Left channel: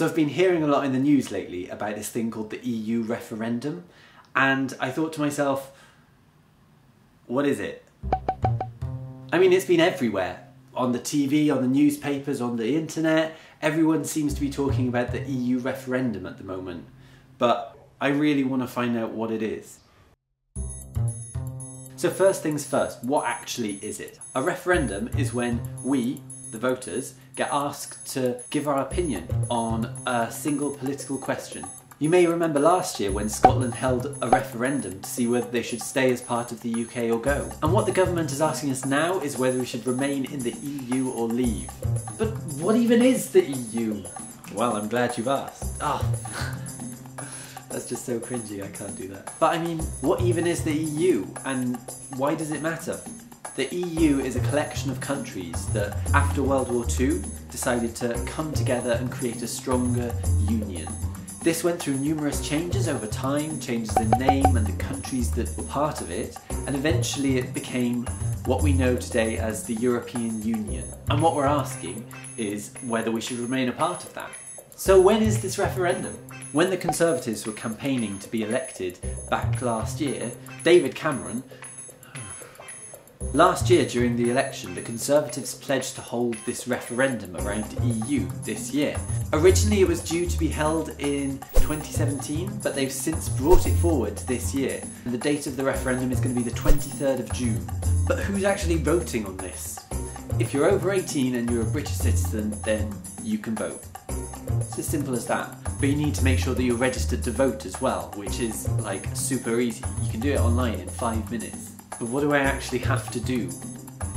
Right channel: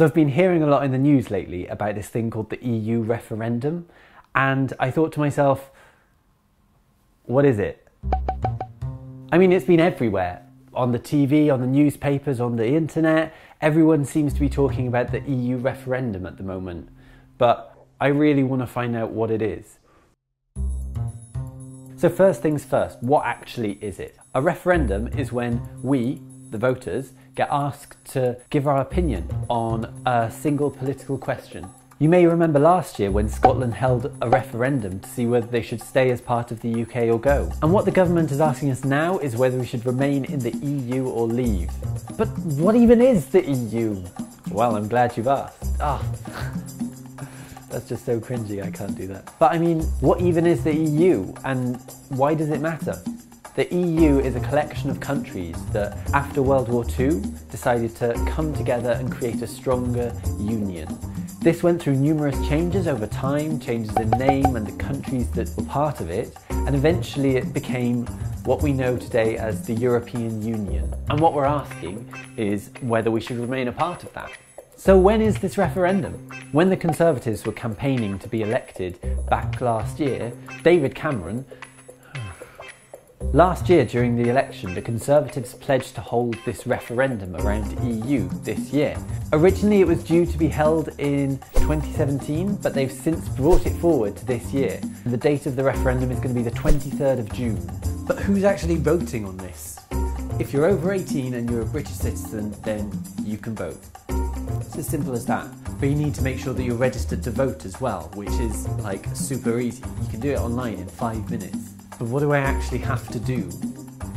So I've been hearing a lot in the news lately about this thing called the EU Referendum, and I thought to myself, what is it? I mean, it's been everywhere. On the TV, on the newspapers, on the internet. Everyone seems to be talking about the EU referendum at the moment. But I really want to find out what it is. So first things first, what actually is it? A referendum is when we, the voters, get asked to give our opinion on a single political question. You may remember last year when Scotland held a referendum to see whether they should stay as part of the UK or go. And what the government is asking us now is whether we should remain in the EU or leave. But what even is the EU? Well, I'm glad you've asked. That's just so cringy, I can't do that. But I mean, what even is the EU and why does it matter? The EU is a collection of countries that, after World War II, decided to come together and create a stronger union. This went through numerous changes over time, changes in name and the countries that were part of it, and eventually it became what we know today as the European Union. And what we're asking is whether we should remain a part of that. So when is this referendum? When the Conservatives were campaigning to be elected back last year, David Cameron, last year during the election, the Conservatives pledged to hold this referendum around the EU this year. Originally it was due to be held in 2017, but they've since brought it forward to this year. The date of the referendum is going to be the 23rd of June. But who's actually voting on this? If you're over 18 and you're a British citizen, then you can vote. It's as simple as that. But you need to make sure that you're registered to vote as well, which is like super easy. You can do it online in 5 minutes. But what do I actually have to do?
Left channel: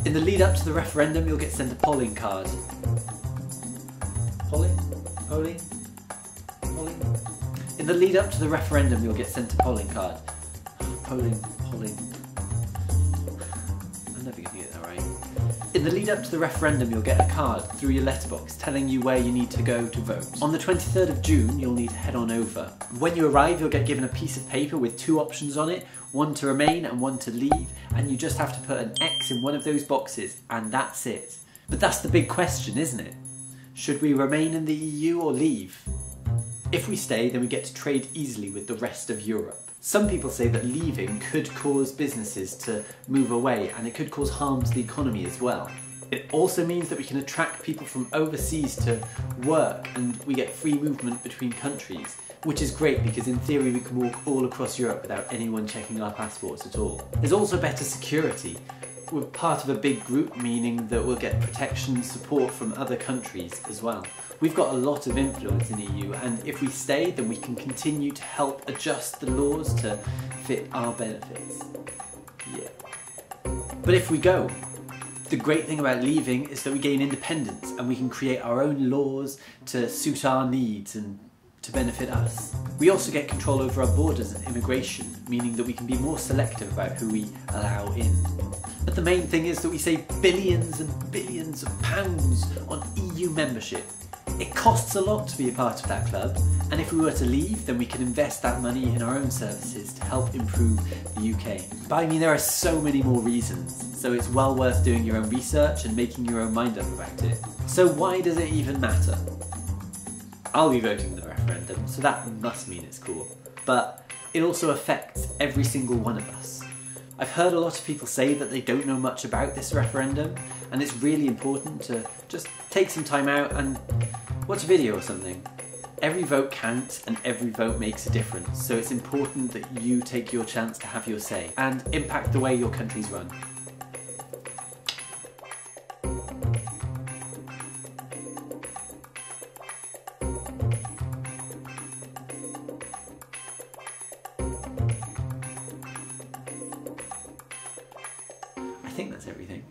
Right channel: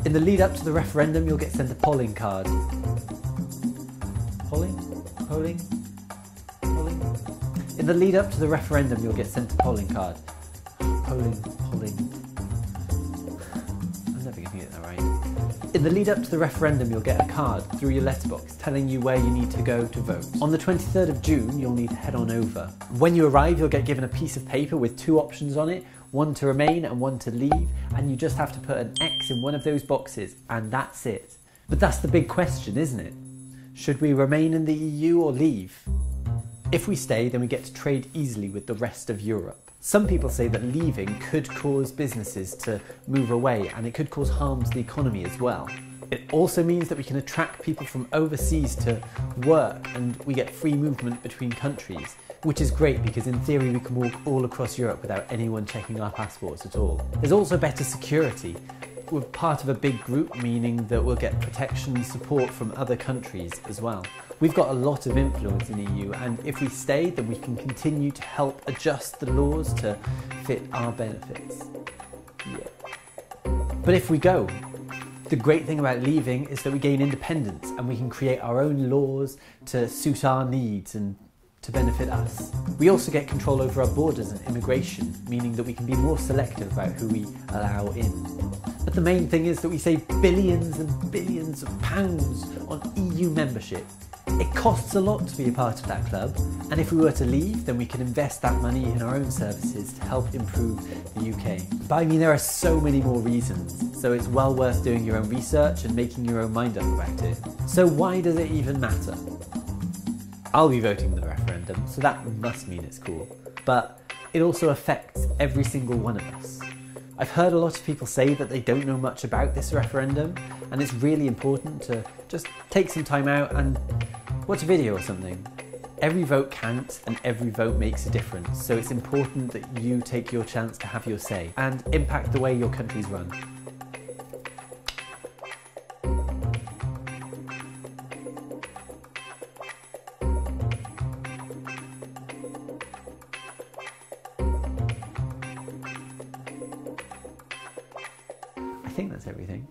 In the lead up to the referendum, you'll get sent a polling card. Polling? In the lead up to the referendum, you'll get sent a polling card. Polling. I'm never gonna get that right. In the lead up to the referendum, you'll get a card through your letterbox telling you where you need to go to vote. On the 23rd of June, you'll need to head on over. When you arrive, you'll get given a piece of paper with 2 options on it, one to remain and one to leave, and you just have to put an X in one of those boxes, and that's it. But that's the big question, isn't it? Should we remain in the EU or leave? If we stay, then we get to trade easily with the rest of Europe. Some people say that leaving could cause businesses to move away, and it could cause harm to the economy as well. It also means that we can attract people from overseas to work, and we get free movement between countries, which is great because in theory we can walk all across Europe without anyone checking our passports at all. There's also better security. We're part of a big group, meaning that we'll get protection and support from other countries as well. We've got a lot of influence in the EU, and if we stay, then we can continue to help adjust the laws to fit our benefits. Yeah. But if we go, the great thing about leaving is that we gain independence and we can create our own laws to suit our needs and to benefit us. We also get control over our borders and immigration, meaning that we can be more selective about who we allow in. But the main thing is that we save billions and billions of pounds on EU membership. It costs a lot to be a part of that club, and if we were to leave, then we can invest that money in our own services to help improve the UK. But I mean, there are so many more reasons, so it's well worth doing your own research and making your own mind up about it. So why does it even matter? I'll be voting for the referendum, so that must mean it's cool. But it also affects every single one of us. I've heard a lot of people say that they don't know much about this referendum, and it's really important to just take some time out and watch a video or something. Every vote counts and every vote makes a difference, so it's important that you take your chance to have your say and impact the way your country's run. I think that's everything.